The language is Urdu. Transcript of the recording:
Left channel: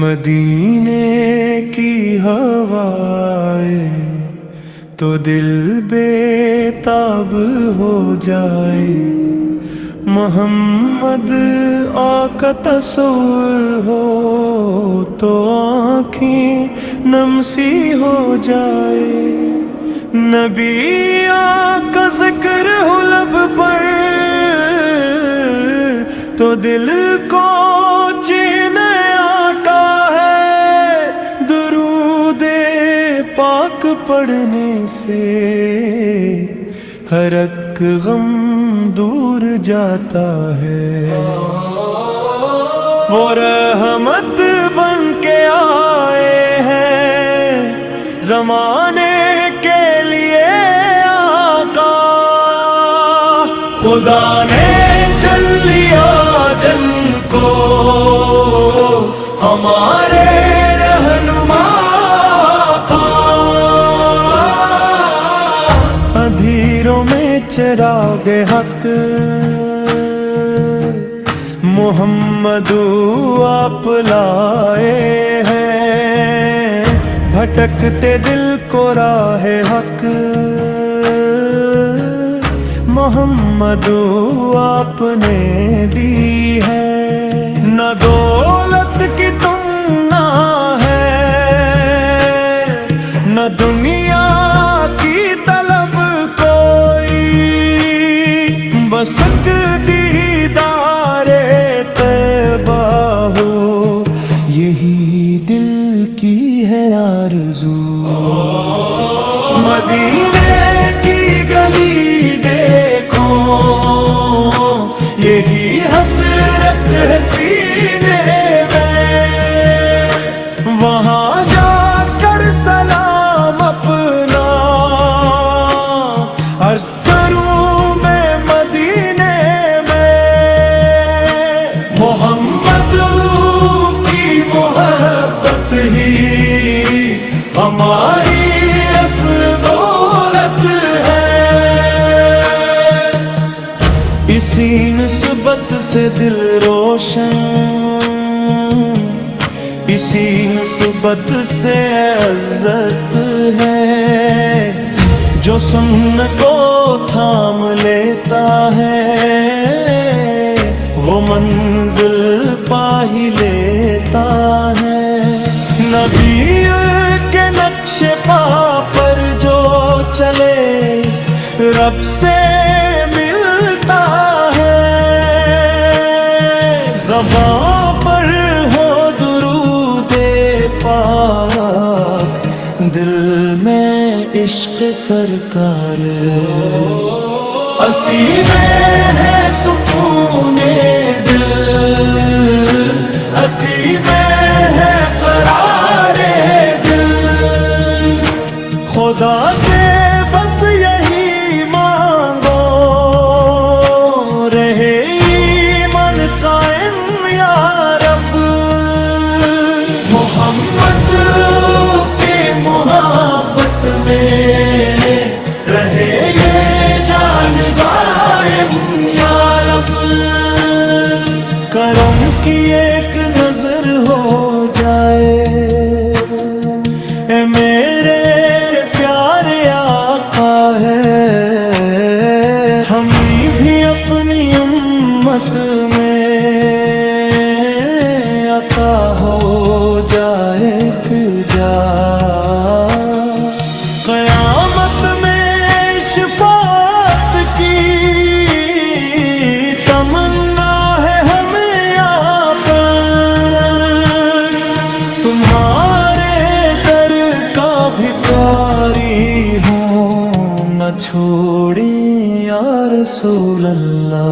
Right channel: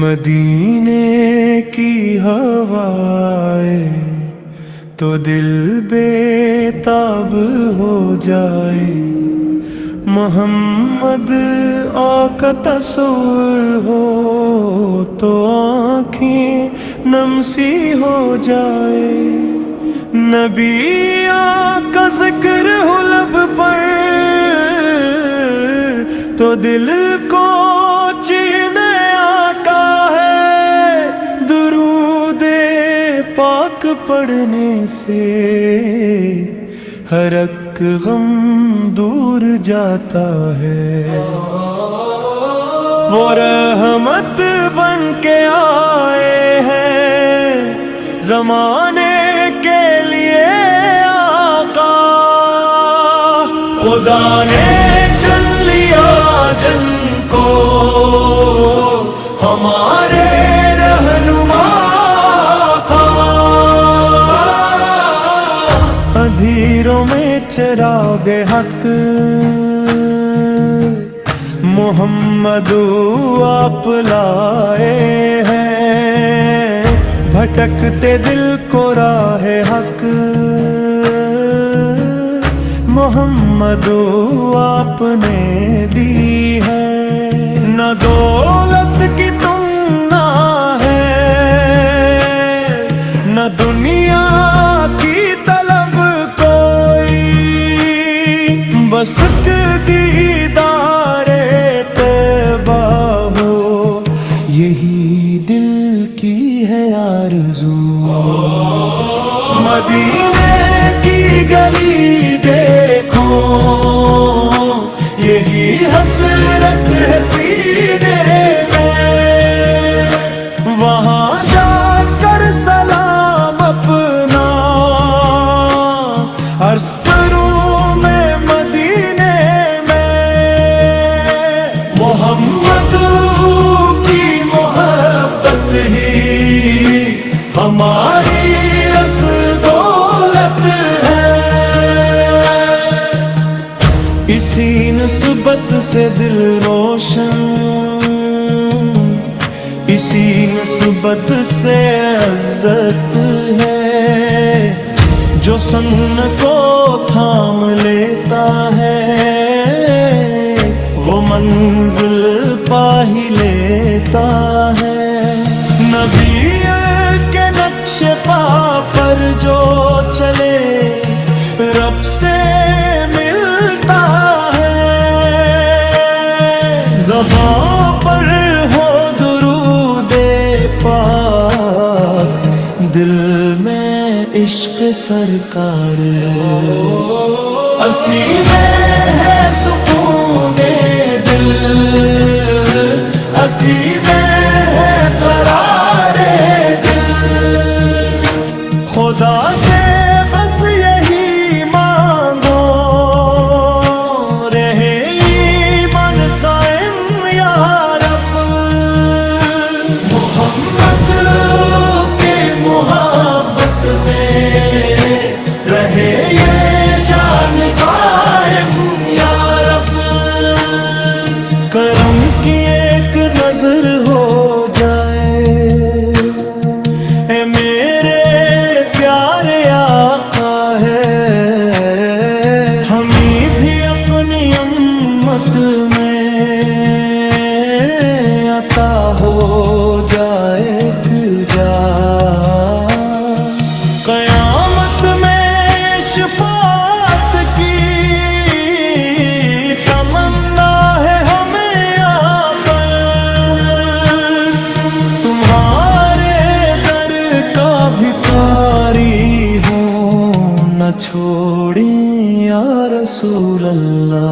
مدینے کی ہوائیں تو دل بےتاب ہو جائے، محمد آقا تصور ہو تو آنکھیں نم سی ہو جائے، نبی آقا ذکر ہو لب پر تو دل کو چین آقا ہے، درود پاک پڑھنے سے ہر ایک غم دور جاتا ہے، وہ رحمت بن کے آئے ہیں زمانے کے لیے آقا، خدا نے چل لیا جن کو ہمارے رہنما تھا، اندھیروں میں چراغ حق محمد آپ لائے ہیں، بھٹکتے دل کو راہ حق محمد آپ نے دی ہے، نہ دولت کی تمنا ہے نہ دنیا کی طلب کوئی، بس ایک دیدار طیبہ ہو یہی دل کی ہے آرزو، مدینے کی گلی دیکھو یہی حسرت ہے سینے میں، وہاں جا کر سلام اپنا عرض کروں میں مدینے میں، محمد کی محبت ہی ہماری دولت ہے، اسی نسبت سے دل روشن، اسی نسبت سے عزت ہے، جو سن کو تھام لیتا ہے وہ منزل پا ہی لیتا ہے، نبی کے نقش پا پر جو چلے رب سے ملتا ہے، زبان پر ہو درود پاک دل میں عشق سرکار، اسی میں ہے سکون دل، اسی میں ہے قرار دل، خدا سے بس یہی مانگو رہے ایمان قائم یا رب، محمد کے محبت میں رہے یہ جان دائم یا رب، کرم کی ایک نظر ہو جائے اے میرے پیارے آقا ہے، ہمیں بھی اپنی امت میں عطا ہو جائے ایک جا، قیامت میں شفاعت کی تمنا ہے ہمیں آپ پر، تمہارے در کا بھکاری ہوں نہ چھوڑیں یا رسول اللہ،